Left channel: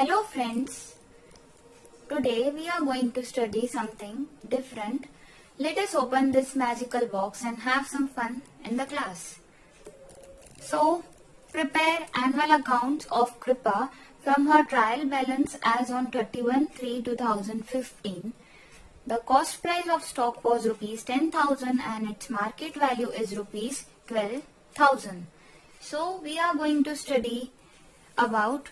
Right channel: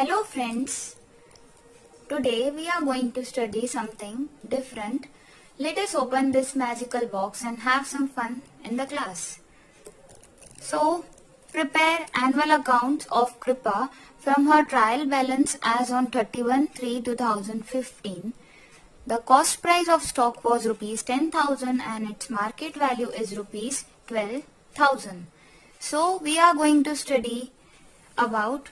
Hello friends, today we are going to study something different. Let us open this magical box and have some fun in the class. So, prepare annual accounts of Kripa from her trial balance as on 31/3/2015. The cost price of stock was rupees 10,000 and its market value is rupees 12,000. So, we are going to study about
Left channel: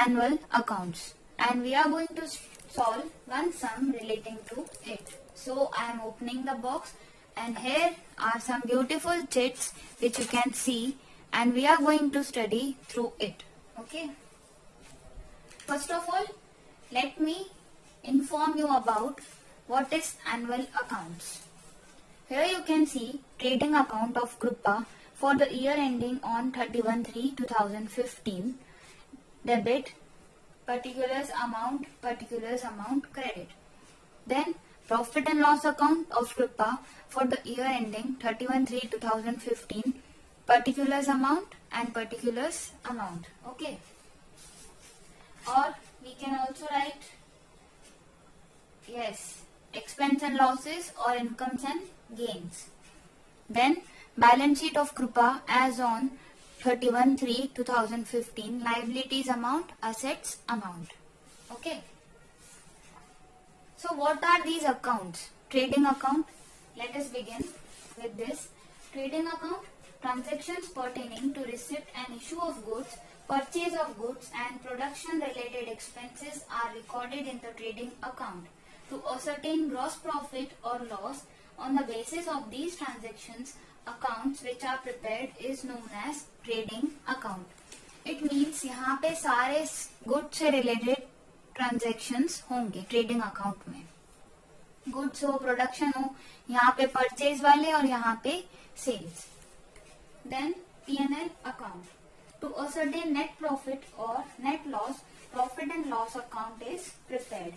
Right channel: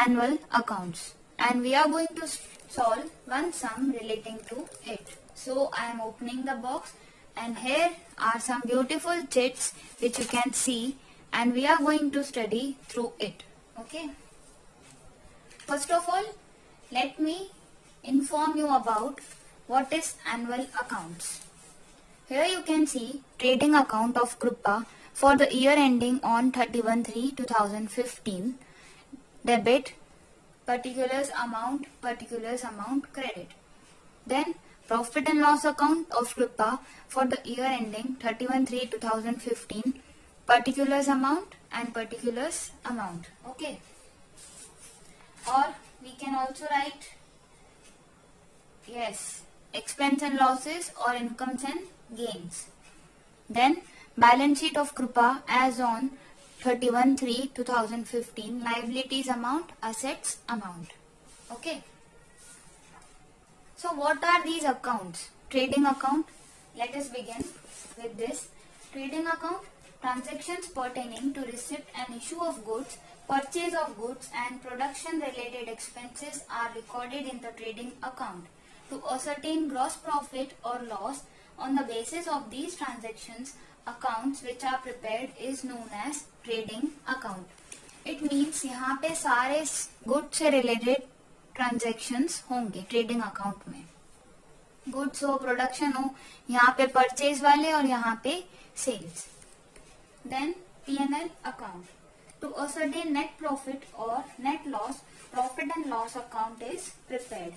annual accounts and we are going to solve one sum relating to it. So I am opening the box and here are some beautiful chits which you can see and we are going to study through it. Okay. First of all, let me inform you about what is annual accounts. Here you can see trading account of Kripa for the year ending on 31/3/2015. Debit, particulars amount credit. Then profit and loss account of Kripa for the year ending 31/3/2015, particulars amount and particulars amount. Okay. Or we can also write expense and losses or incomes and gains. Then balance sheet of Kripa as on 31/3/2015, liabilities amount, assets amount. Okay. So what are these accounts? Trading account. Let us begin with this. Trading account, transactions pertaining to receipt and issue of goods, purchase of goods and production related expenses are recorded in the trading account. To ascertain gross profit or loss on the basis of these transactions, accounts which are prepared is known as trading account. It means यहाँ पे सारे goods से related transactions होंगे trading account में. Goods हो, production हो, यहाँ पे परचेज वाले और यहाँ पे sales. Then P&L account. To ascertain net profit or net loss, profit and loss account is prepared.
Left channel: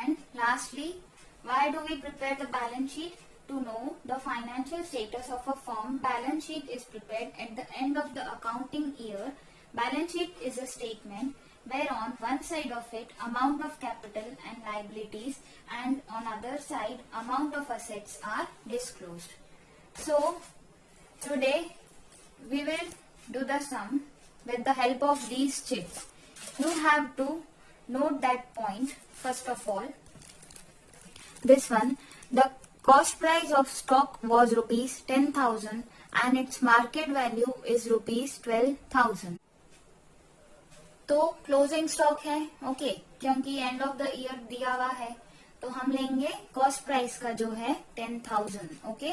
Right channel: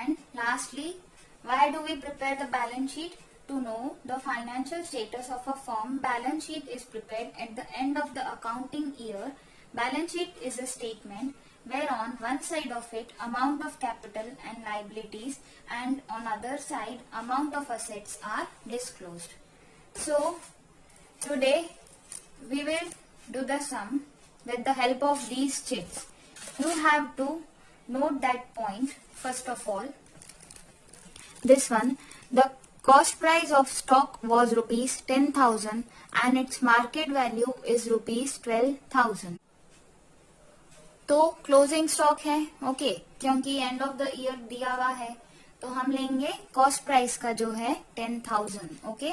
And lastly, why do we prepare the balance sheet? To know the financial status of a firm, balance sheet is prepared at the end of the accounting year. Balance sheet is a statement where on one side of it amount of capital and liabilities and on other side amount of assets are disclosed. So today we will do the sum with the help of these chits. You have to note that point first of all. This one, the cost price of stock was rupees 10,000 and its market value is rupees 12,000. तो closing stock है. ओके, क्योंकि end of the year दिया हुआ है तो हम लेंगे cost price का जो है 10,000. ओके,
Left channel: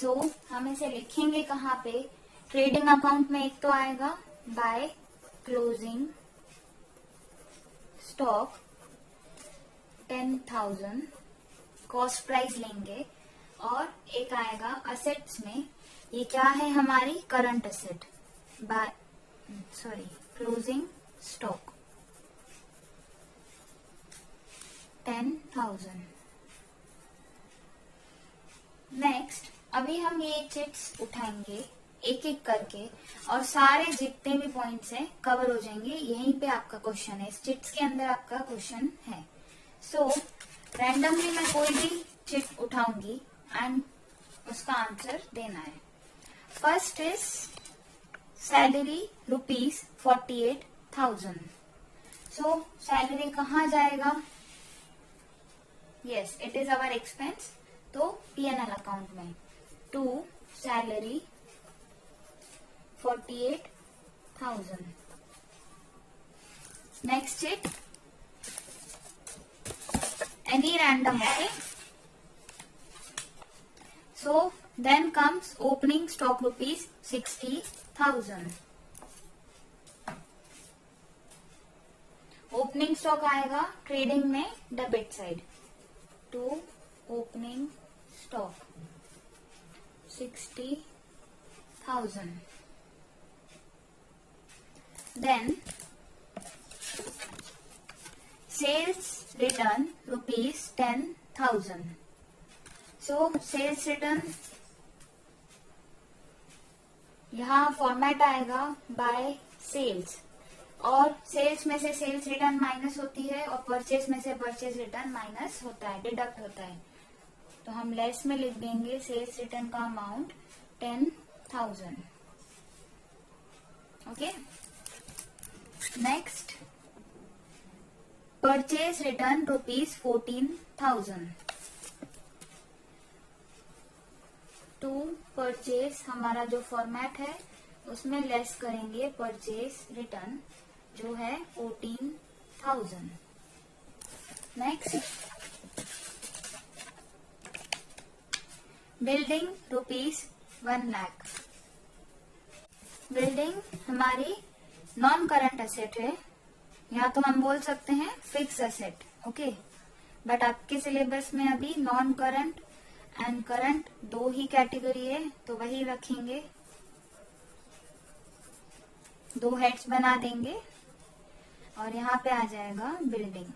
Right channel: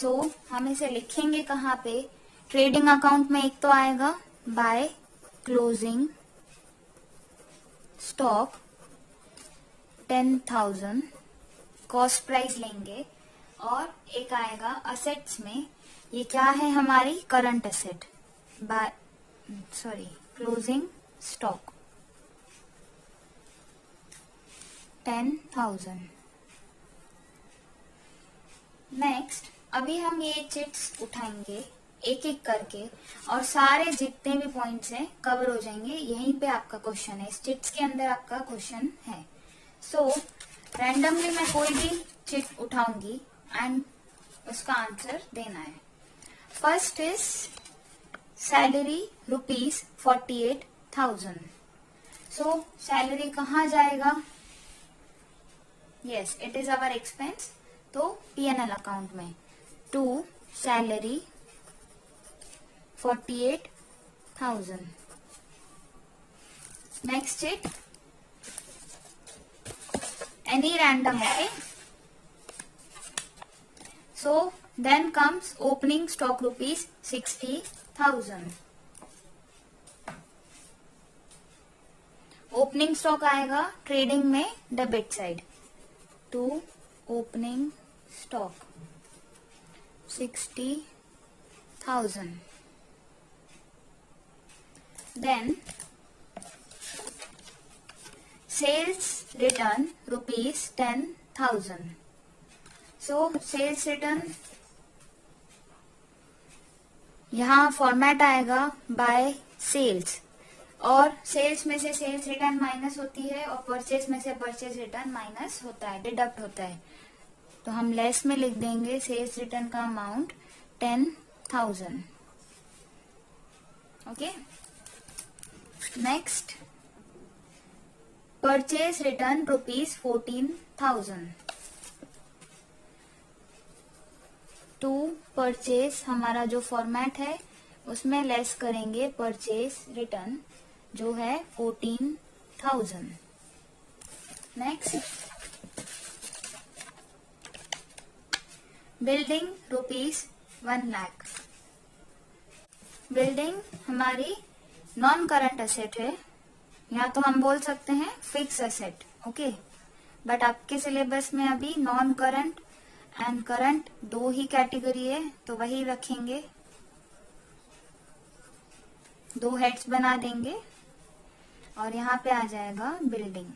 सो हम इसे लिखेंगे कहाँ पे? ट्रेडिंग अकाउंट में एक तो आएगा by closing stock 10,000, cost price लेंगे, और एक आएगा असेट्स में. ये क्या है? हमारी current asset by closing stock 10,000. नेक्स्ट, अभी हम ये चिट्स उठाएंगे एक एक करके और सारे जितने भी पॉइंट्स हैं कवर हो जाएंगे. यहीं पे आपका क्वेश्चन है, इस चिट्स के अंदर आपका क्वेश्चन है. सो रैंडमली मैं कोई भी चिट उठाऊंगी एंड उसका आंसर देना है. First is salary rupees 48,000. So salary कहाँ जाएगा? Yes, it is our expense. तो P&L अकाउंट में to salary 48,000. Next chit any random. Okay, so then comes opening stock rupees 60,000. Opening stock आएगा trading में debit side. To opening stock 60,000. Then sales return rupees 10,000. So sales return यहाँ format आएगा by sales, और sales में से sales return minus होती है और परचेज में से परचेज रिटर्न माइनस होता है, डिडक्ट होता है। तो हम लेस में लिख देंगे सेल्स रिटर्न का amount 10,000। Okay, next purchase return ₹14,000। To purchase हमारा जो फॉर्मेट है उसमें लेस करेंगे परचेज रिटर्न जो है 14,000। Next building ₹1,00,000। बिल्डिंग हमारी नॉन करंट असेट है, या तो हम बोल सकते हैं फिक्स असेट। ओके, बट आपके सिलेबस में अभी नॉन करंट एंड करंट दो ही कैटेगरी है, तो वही रखेंगे, दो हेड्स बना देंगे और यहाँ पे आ जाएगा बिल्डिंग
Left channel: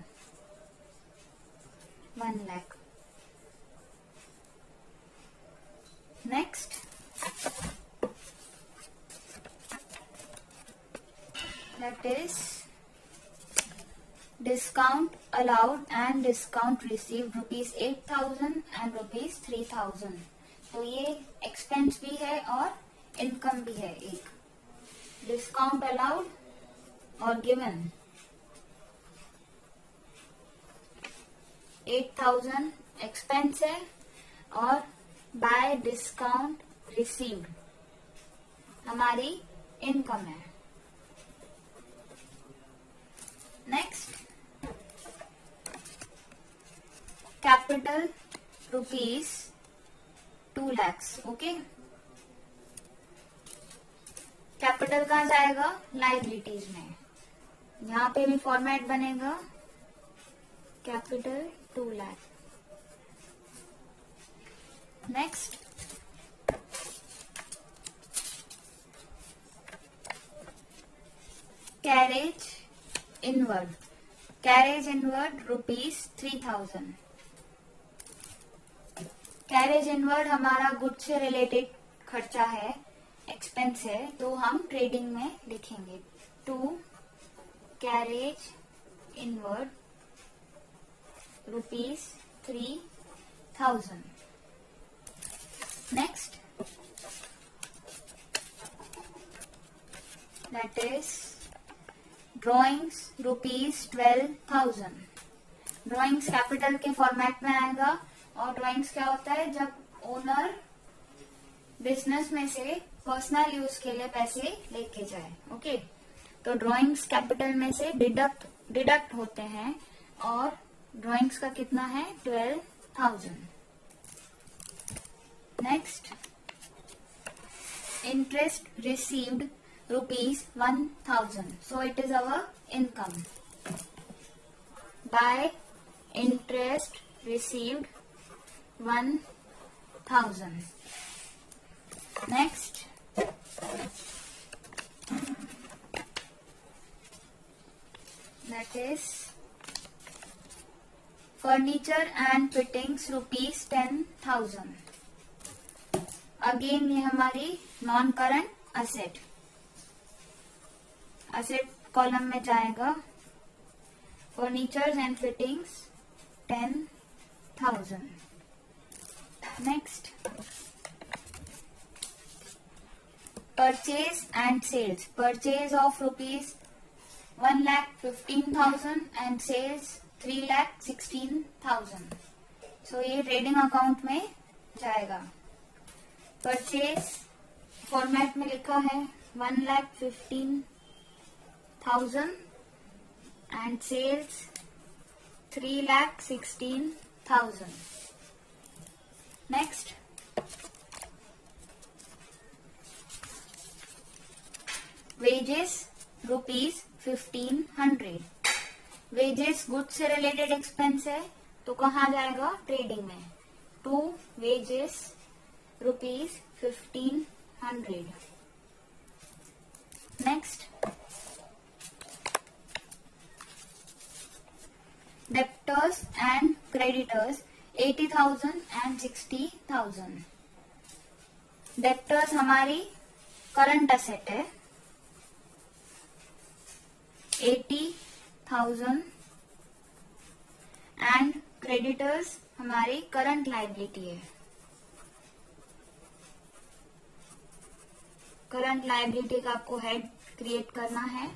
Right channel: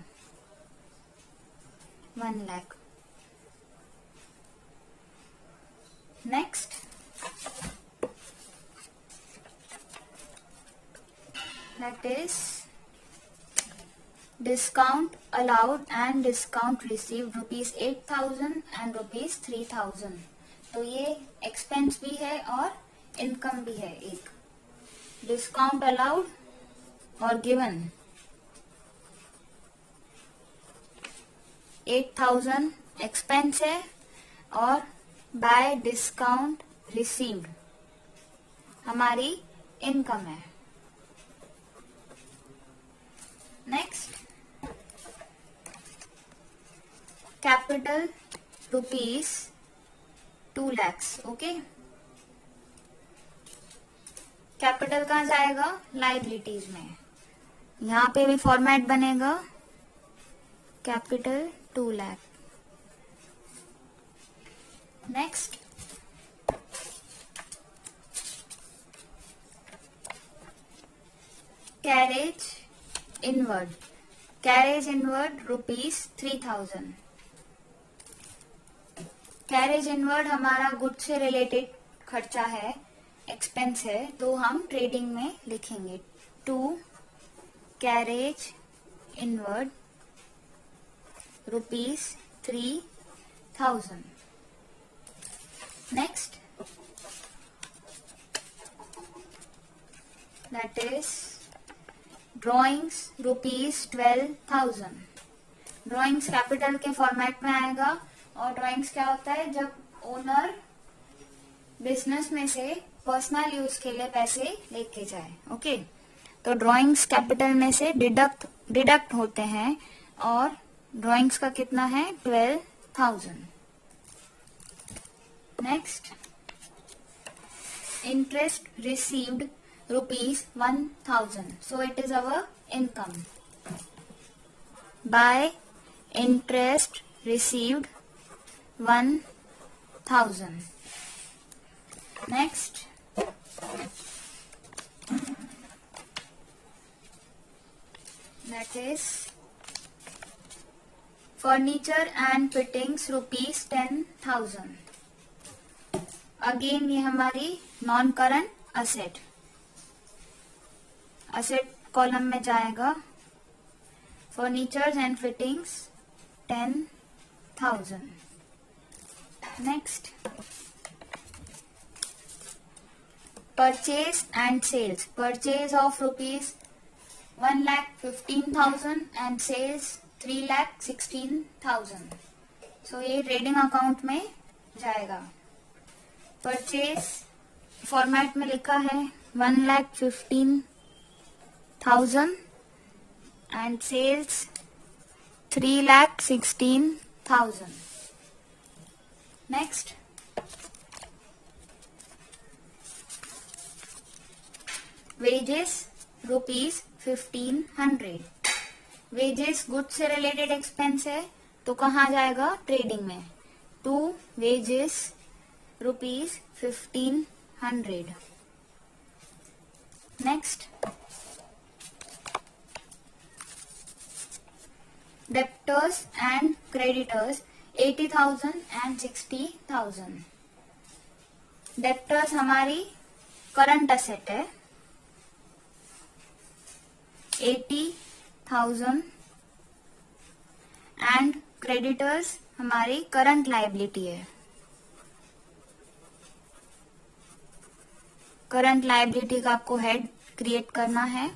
1,00,000। Next that is discount allowed and discount received ₹8,000 एंड ₹3,000। तो ये एक्सपेंस भी है और इनकम भी है। एक डिस्काउंट अलाउड और गिवन 8,000 एक्सपेंस है और बाय डिस्काउंट रिसीव्ड हमारी इनकम है। Next capital ₹2,00,000। ओके, कैपिटल कहाँ जाएगा? लायबिलिटीज में। यहाँ पे भी फॉर्मेट बनेगा capital 2,00,000। Next carriage inward. Carriage inward ₹3,000। Carriage inward हमारा गुड्स से रिलेटेड खर्चा है, एक्सपेंस है, तो हम ट्रेडिंग में लिखेंगे to carriage inward ₹3,000। Next that is drawings ₹12,000। Drawings capital के फॉर्मेट में आएगा, और ड्रॉइंग्स क्या होता है? जब ओनर बिजनेस में से पर्सनल यूज के लिए पैसे लेके जाए। ओके, तो ड्रॉइंग्स कैपिटल में से डिडक्ट होते हैं, और ड्रॉइंग्स का कितना है? 12,000। Next interest received ₹1,000, so it is our income. By interest received 1,000. Next that is furniture and fittings ₹10,000. Again ये हमारी नॉन करंट असेट कॉलम में जाएगा। Furnitures and fittings 10,000। Next purchase and sales. Purchase of ₹1,15,000 and sales 3,16,000। So ये trading account में जाएगा। Purchase format में लिखा है 1,15,000 and sales 3,16,000। Next wages ₹1,500। Wages goods से रिलेटेड एक्सपेंस है, तो कहाँ जाएगा? ट्रेडिंग में। To wages ₹1,500। Next debtors and creditors 80,000 and 60,000। Debtors हमारी करंट असेट है 80,000 एंड क्रेडिटर्स हमारी करंट लायबिलिटी है। करंट लायबिलिटी का आपको हेड क्रिएट करना है।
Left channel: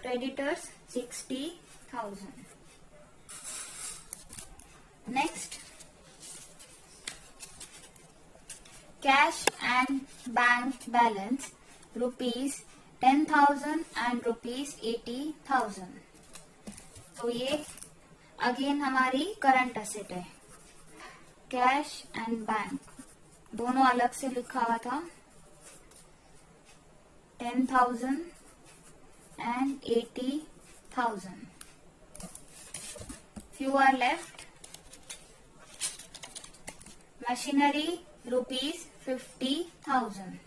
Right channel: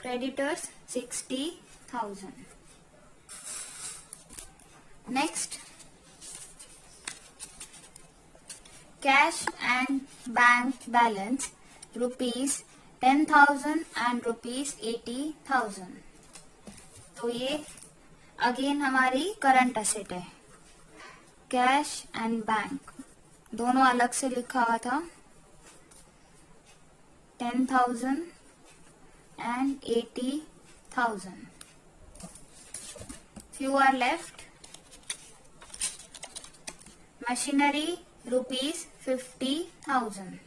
Creditors 60,000। Next cash and bank balance ₹10,000 and ₹80,000। तो ये अगेन हमारी करंट एसेट है। कैश एंड बैंक दोनों अलग से लिखा हुआ था। 10,000 and 80,000. You are left machinery ₹50,000.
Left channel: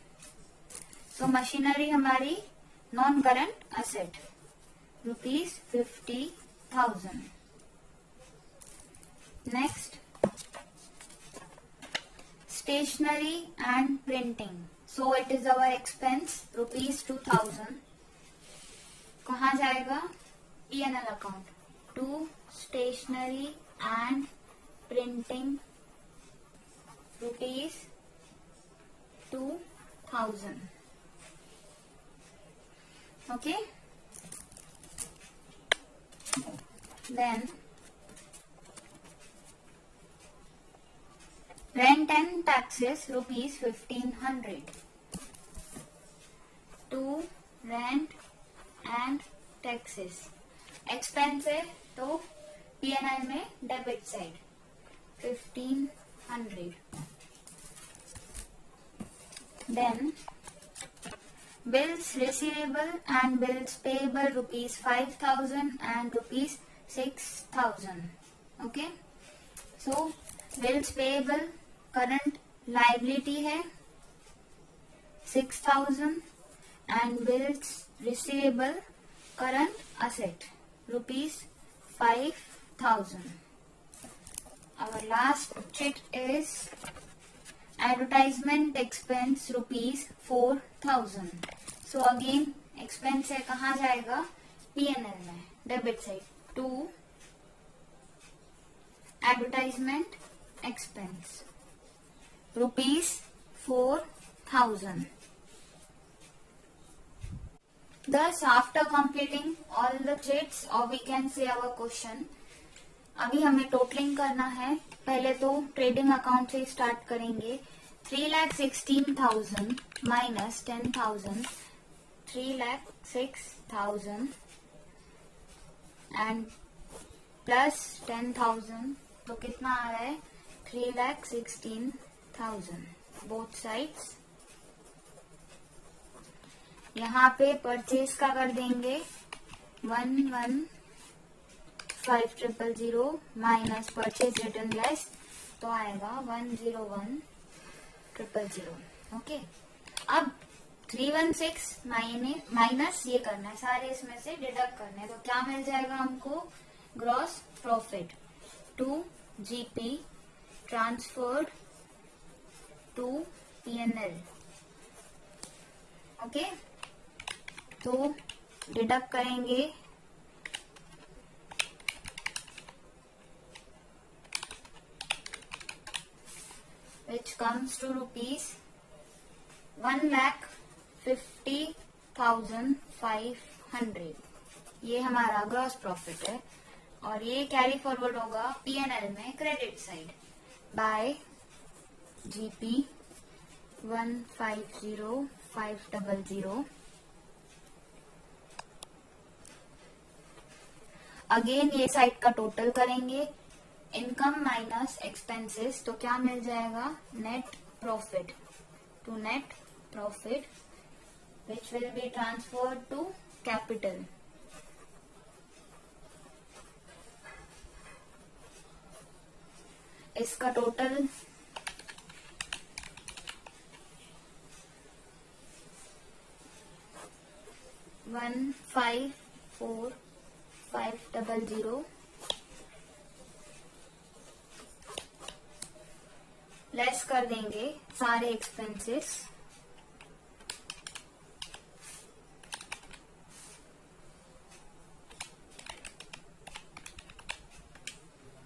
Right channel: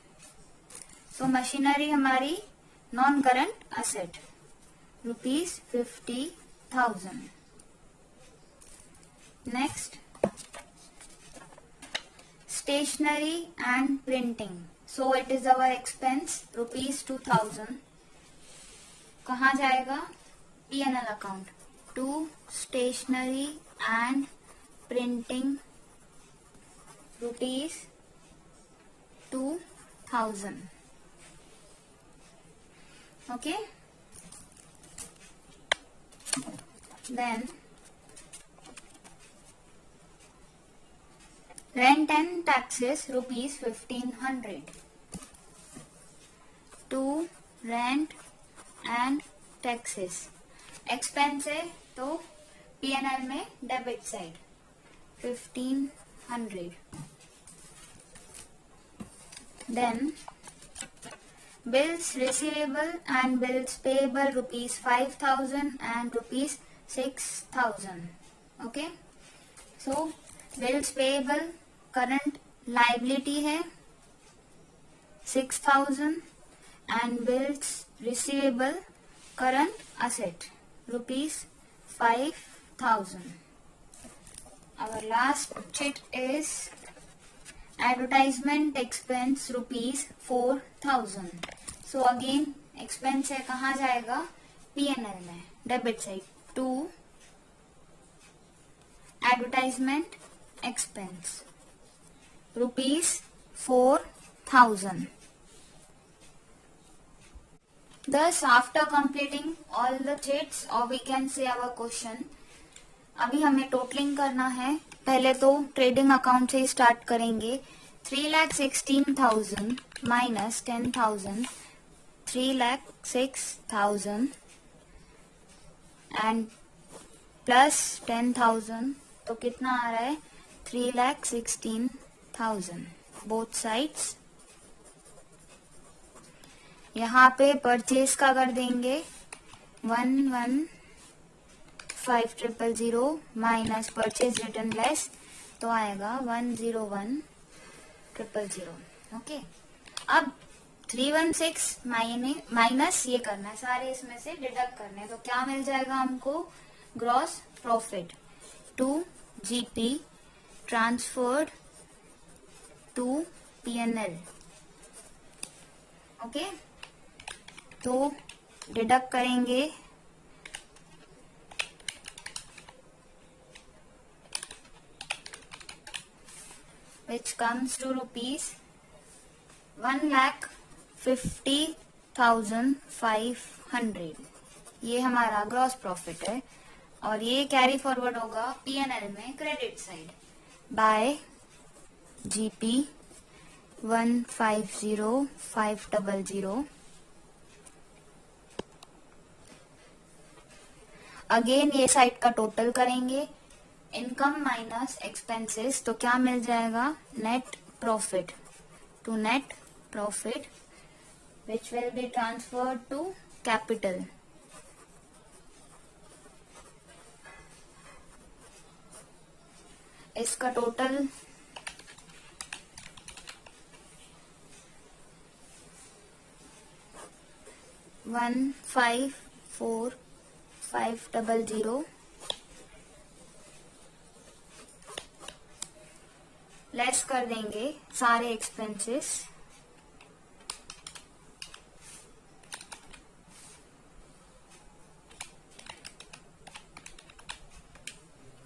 तो मशीनरी हमारी non current asset ₹50,000. Next stationery and printing, so it is our expense ₹2,000. कहाँ जाएगा? P&L account to stationery and printing ₹2,000. Okay, then rent and taxes ₹1,500. To rent and taxes expense है तो P&L में debit side 1,500. Then bills receivable and bills payable ₹5,000 and ₹6,000. Okay, so bills payable current liability है 6,000 and bills receivable current asset ₹5,000. Our last sheet is advertisement expense ₹4,000. So again expense है कहाँ जाएगा? P&L में debit side to advertisement expense ₹4,000. Thus after completing all the sheets or we can say our question, अभी हमें टोटलिंग करना है। पहले तो ट्रेडिंग अकाउंट से ही स्टार्ट करेंगे। 3,16,000 माइनस 10,000, 3,06,000 एंड प्लस 10,000, तो कितना आ रहा है? 3,16,000 बोथ साइड्स। यहाँ पे परचेज का कर देंगे 11,500 माइनस परचेज रिटर्न लेस, तो आएगा 101,000. ओके, अब 316 माइनस ये करना है, सारे इसमें से डिडक्ट करना है, तो क्या मिल जाएगा हमको? Gross profit to GP transferred to P&L. Okay, तो डिडक्ट करेंगे which comes to ₹1,50,500. ये हमारा ग्रॉस प्रॉफिट है और ये कैरी फॉरवर्ड होगा P&L में credit side by GP 150,500. Again ये साइड का टोटल करेंगे, इनकम माइनस एक्सपेंसेस, तो क्या मिल जाएगा? Net profit to net profit which will be transferred to capital. इसका टोटल 154,500 लेस कर देंगे सारे expenses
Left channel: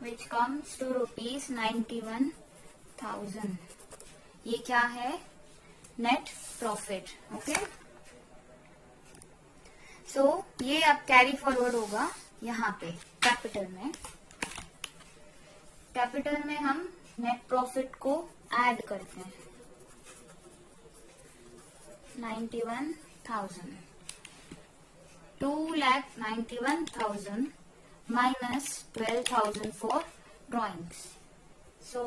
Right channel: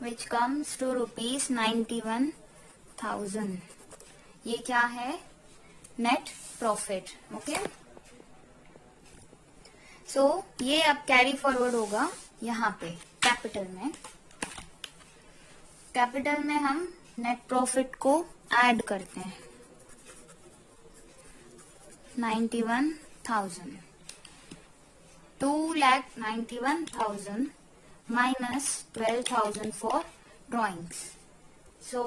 which comes to rupees 91,000. ये क्या है? Net profit. ओके, सो ये अब कैरी फॉरवर्ड होगा यहाँ पे कैपिटल में. कैपिटल में हम नेट प्रॉफिट को ऐड करते हैं. 91,000, 2,91,000 minus 12,000 for drawings. So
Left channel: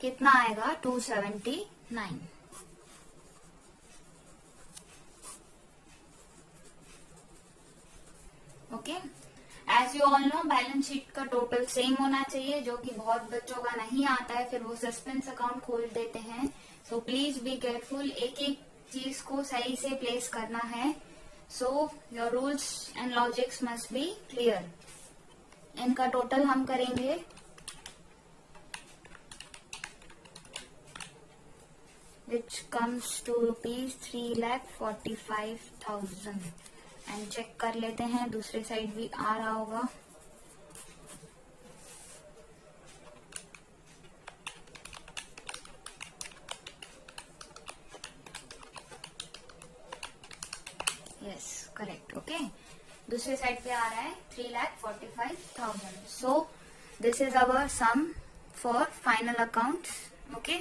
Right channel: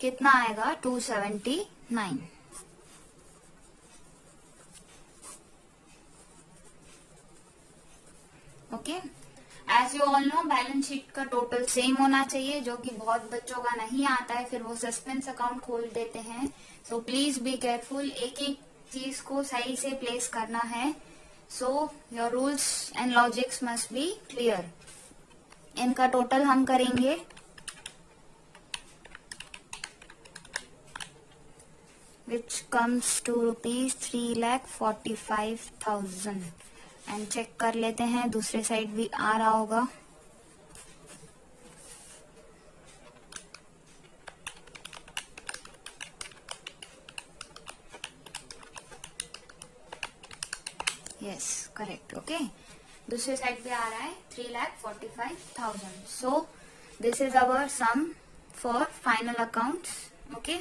कितना आएगा? 279. Okay, as you all know balance sheet का टोटल सेम होना चाहिए, जो कि बहुत बच्चों का नहीं आता है, फिर वो सस्पेंस अकाउंट खोल देते हैं. सो प्लीज बी केयरफुल, एक एक चीज को सही से प्लेस करना है. So your rules and logics must be clear. इनका टोटल हम करेंगे. which comes to rupees 3,45,000. And check कर लेते हैं दूसरे साइड भी आ रहा होगा. Yes, correct. ओके, दूसरे साइड पे आ रहा है 3,45,000. So this is our sum for final accounts. Okay.